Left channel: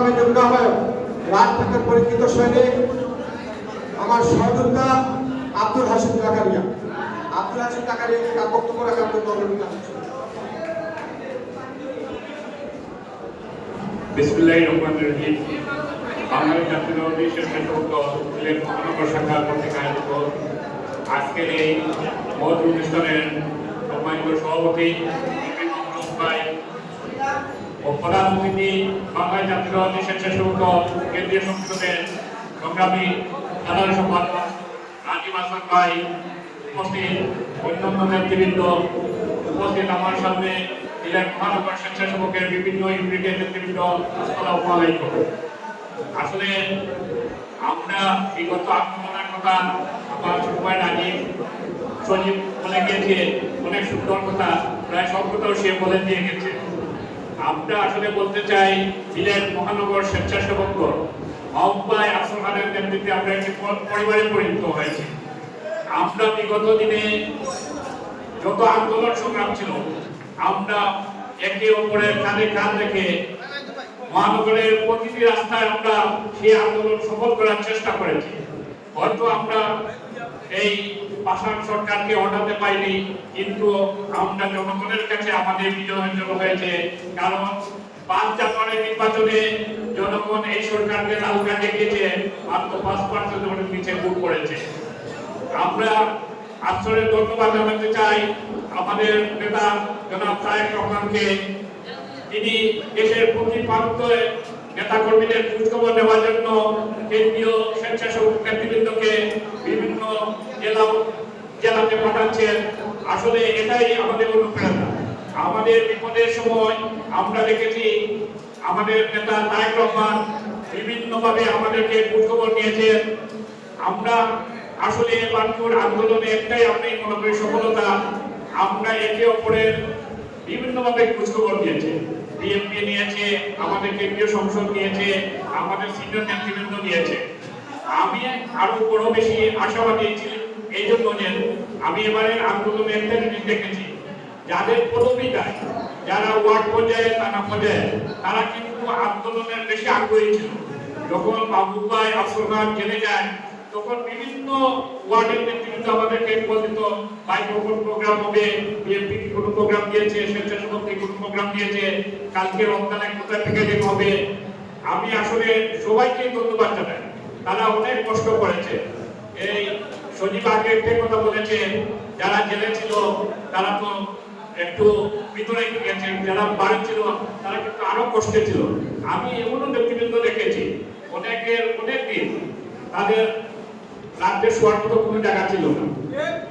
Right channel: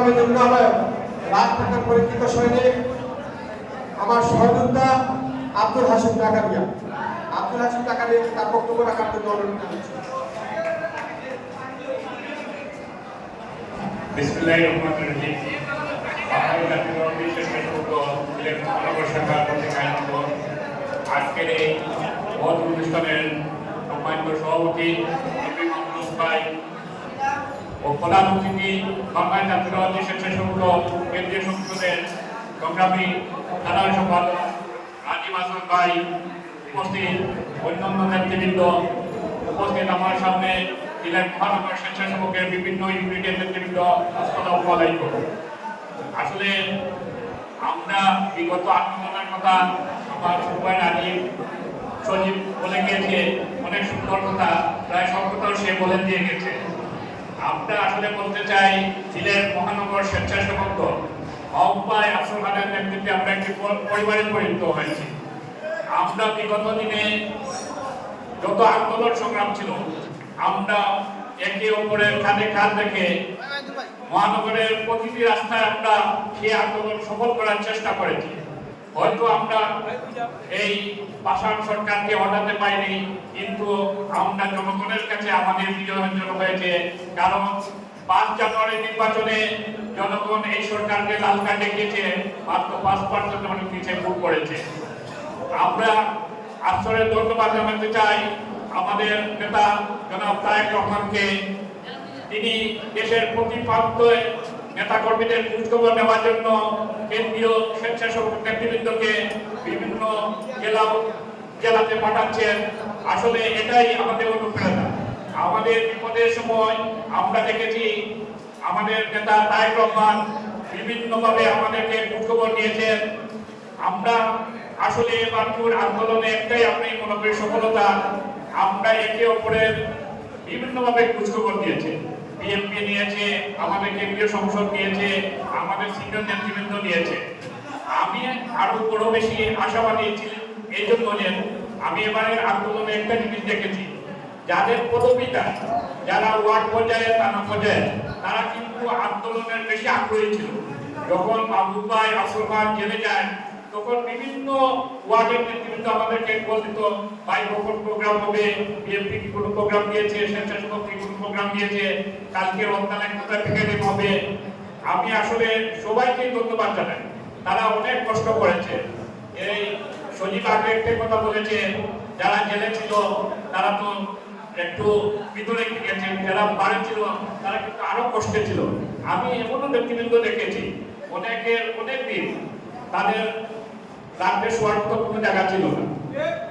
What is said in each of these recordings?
সংগ্রামী যুগ্ম আহ্বায়ক রাজপথের পরিচিত সৈনিক আমার সহযোদ্ধা আব্দুল হাসিম টাকারিয়া আব্দুল হাসিম টাকারিয়া তার বক্তব্য রাখার জন্য অনুরোধ জানাচ্ছি। সভাপতি স্বেচ্ছাসেবক কেন্দ্রীয় সংসদের সংগ্রামী সাধারণ সম্পাদক হাসান ভাই উপস্থিত, অন্যান্য উপস্থিত আমার সামনে জেলার মহানগর স্বেচ্ছাসেবকের বিভিন্ন ইউনিটের নেতৃবৃন্দ, আসসালামু আসলে আমরা বিগত আন্দোলনের কথা আমার ভাই নাজিম বলে গেছে, অনেক সুন্দর কথা, প্রায় সব সে বলে দিয়ে গেছে। আমরা আসলে বলতে চাই সিলেট মহানগর স্বেচ্ছাসেবক অব্বাই খানের নেতৃত্বে আমরা একটি পরিবারে পরিণত হয়েছি। আমরা বিগত দিনে যত আন্দোলন সংগ্রাম ছিল, আমরা একে অপরের কাঁধে কাঁধ রেখে মহানগরের প্রতিটি রাস্তায় আমরা সেই আন্দোলন সফল করার চেষ্টা করেছি। হয়তো আমরা এই পাষাণ সরকারকে হটাতে পারিনি, কিন্তু আমরা জনগণের কাছে আমাদের বিজয় অর্জন হয়েছে কারণ পাঁচ জানুয়ারি নির্বাচনে জনগণ এই সরকারকে লাল কার্ড দেখিয়েছে, মাত্র পাঁচ পার্সেন্ট অনেক নিচে ভোট করেছে। আমরা আসলে ধন্যবাদ জানাতে চাই আমাদের নেতা জনাব তারেক রহমানকে। তিনি দেশের প্রতি প্রান্তে নেতা কর্মীদের খোঁজখবর নেওয়ার জন্য কেন্দ্রীয় স্বেচ্ছাসেবক বিভিন্ন জেলা জেলাতে পাঠাচ্ছেন, আসলে এটাই আমাদের অনুপ্রেরণা আমাদের বিপদের সময় আমরা দেখেছি আমাদের নেতা তারেক রহমান বিভিন্নভাবে আমাদেরকে খোঁজখবর নিয়েছেন। আমরা আসলে বানপুর আন্দোলনে একটাই আমি মনে করি সফলতা, আমরা একে অপরের বিভিন্নভাবে খোঁজখবর দিয়েছে বিএনপি নিয়েছে আমাদের কেন্দ্রীয় সংসদ নিয়েছে, আমাদের সিনিয়র নেতৃবৃন্দ নিয়েছে। আমি আরও বড় বেশি আশাবাদী ছিল এই জন্য আমি এবারে আন্দোলনে একটা জিনিস দেখেছি। যাদের পদবিটা, যারা ওয়ার্ড পর্যায়ে, থানা পর্যায়ে, তারা কিন্তু আন্দোলনের বেশি আগ্রহী ছিল। যখন মাহবুব ভাই জেলে যায়, তখন বিভিন্ন ওয়ার্ডের নেতৃত্ব আমাদেরকে বলতো ভাই কখন প্রোগ্রাম হবে, বিএনপি কোনো প্রোগ্রাম দিয়েছে, স্বেচ্ছাসেবক কোনো প্রোগ্রাম দিয়েছে, কালকে রমজানের কোথা থেকে দেব হবে। আমি আসলে সবাইকে ধন্যবাদ জানাই। তারা অনেক কষ্ট করেছে। এই সজীব আগে কথা বলেছে যারা জেলে ছিল, তারা তো একটু ভিতরে গেছে যারা বাড়ি ছিল, তারা কিন্তু আরও কষ্টে ছিল। আমি এমনও ব্যক্তিবৃন্দ দেখেছি, অনেকের অনেক দিন তাদের রাত্রে শোয়ার মতো কোনো জায়গা ছিল। না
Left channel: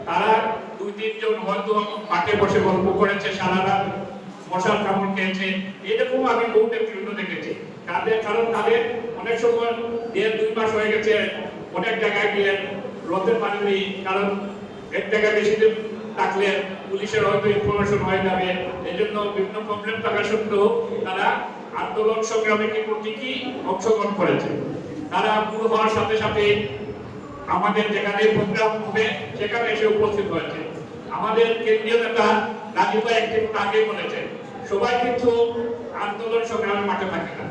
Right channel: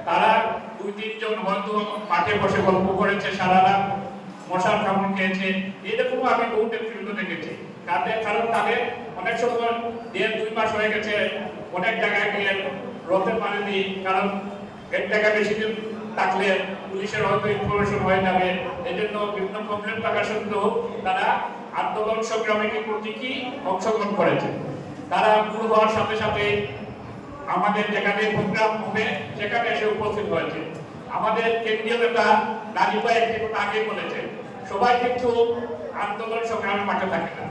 তারা দুই, তিনজন হয়তো মাঠে বসে গল্প করেছে, সারা রাত মশার কামড় খেয়েছে। এরকম আমি বহু ব্যক্তিবৃন্দ দেখেছি। তাদের, কারণ তাদের অনেক সময় দেড়, দুই মাস হয়ে গেছে, অনেক জায়গায় গিয়ে রথে পারেনি কারণ এক জায়গায় বেশি থাকলে পুলিশের হয়তো ইনফরমেশন হয়ে যাবে এজন্য বিভিন্ন প্রবলেম থাকা সত্ত্বেও তারা আন্দোলন সংগ্রামে ঠিকই অংশগ্রহণ করেছে? তারা দূর হওয়ার সাথে সাথে আমাদের যেখানে প্রোগ্রাম হবে, সেখানে এসে উপস্থিত হয়েছে। আমাদের কেন্দ্রীয় নেতা গাজীপা একটি আগে বলেছেন সবাই কিন্তু আন্দোলন সংগ্রামে মাঠে থাকে না।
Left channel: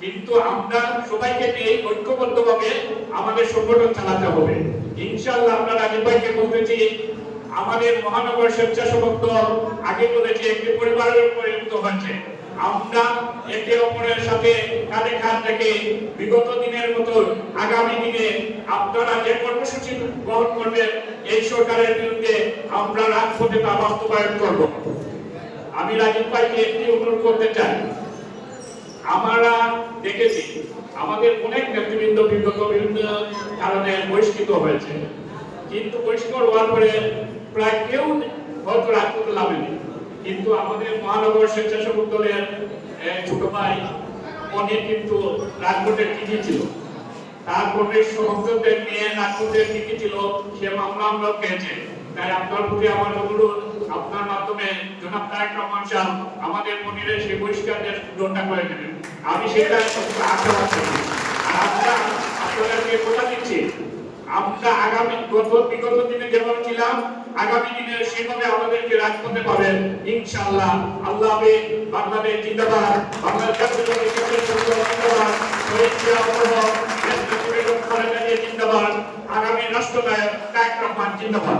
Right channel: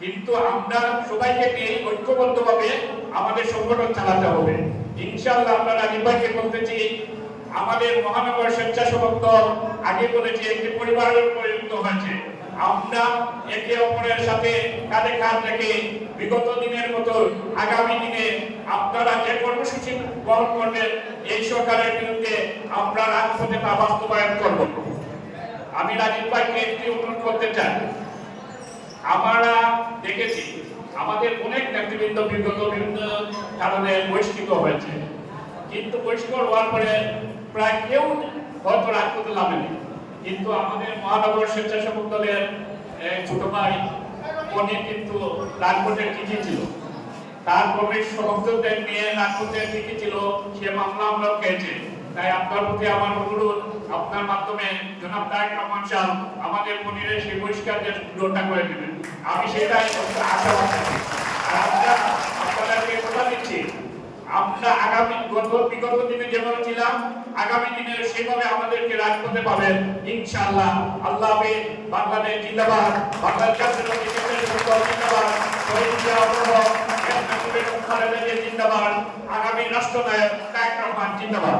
কিন্তু আমরা সবাইকে নিয়ে ঐক্যবদ্ধভাবে আমাদের সংগঠন চালাতে হবে। ইনশাআল্লাহ আমরা রাজীবভাইকে বলতেছি আমাদের মহানগর স্বেচ্ছাসেবক দল আগে বলেছে, একটি পরিবারের পরিণত হয়েছে। আমরা একে অপরের সাথে কাঁধে কাঁধ রেখে বিগত দিনের মতো আগামী দিনে আপনারা যে কর্মসূচি গ্রহণ করবেন, এই সরকারের বিরুদ্ধে আমরা রাজপথে বাস্তবায়ন করব। আমি রাজীব ভাইকে একটি অনুরোধ করতে চাই। আমরা দেখেছি আমাদের অনেক নেতৃবৃন্দ বিগত বিভিন্ন কারণে বহিষ্কৃত হয়েছে। কিন্তু বহিষ্কার হওয়ার পরে প্রায় কেউ হয়তো রাজপথে নামেনি। কিন্তু আমাদের মহানগর স্বেচ্ছাসেবক দলের ছোট ভাই অনেক কিন্তু রাজপথের চিঠি ছিল। তার প্রবেশ নিয়ে রাজপথের চিঠি ছিল। সে মামলা আমরা পেয়েছে তাই আপনার প্রতি আমার অনুরোধ, আপনার মাধ্যমে জনাব তারেক রহমান সাহেব আমাদের মনিরের সেই বহিষ্কারের সুযোগটা করে দেবেন আমি সেটা আশা রাখছি আর আপনাদেরকে কথা দিচ্ছি, আমরা আগামী গত বিগত দিনে যেমন ছিলাম, আগামী দিনে সেভাবে আমাদেরকে রাজপথে পাবেন। ইনশাআল্লাহ, আল্লাহ হাফেজ, বাংলাদেশ জিন্দাবাদ বাংলাদেশ জিন্দাবাদ, আগামী রাষ্ট্রনায়ক তারেক রহমান জিন্দাবাদ।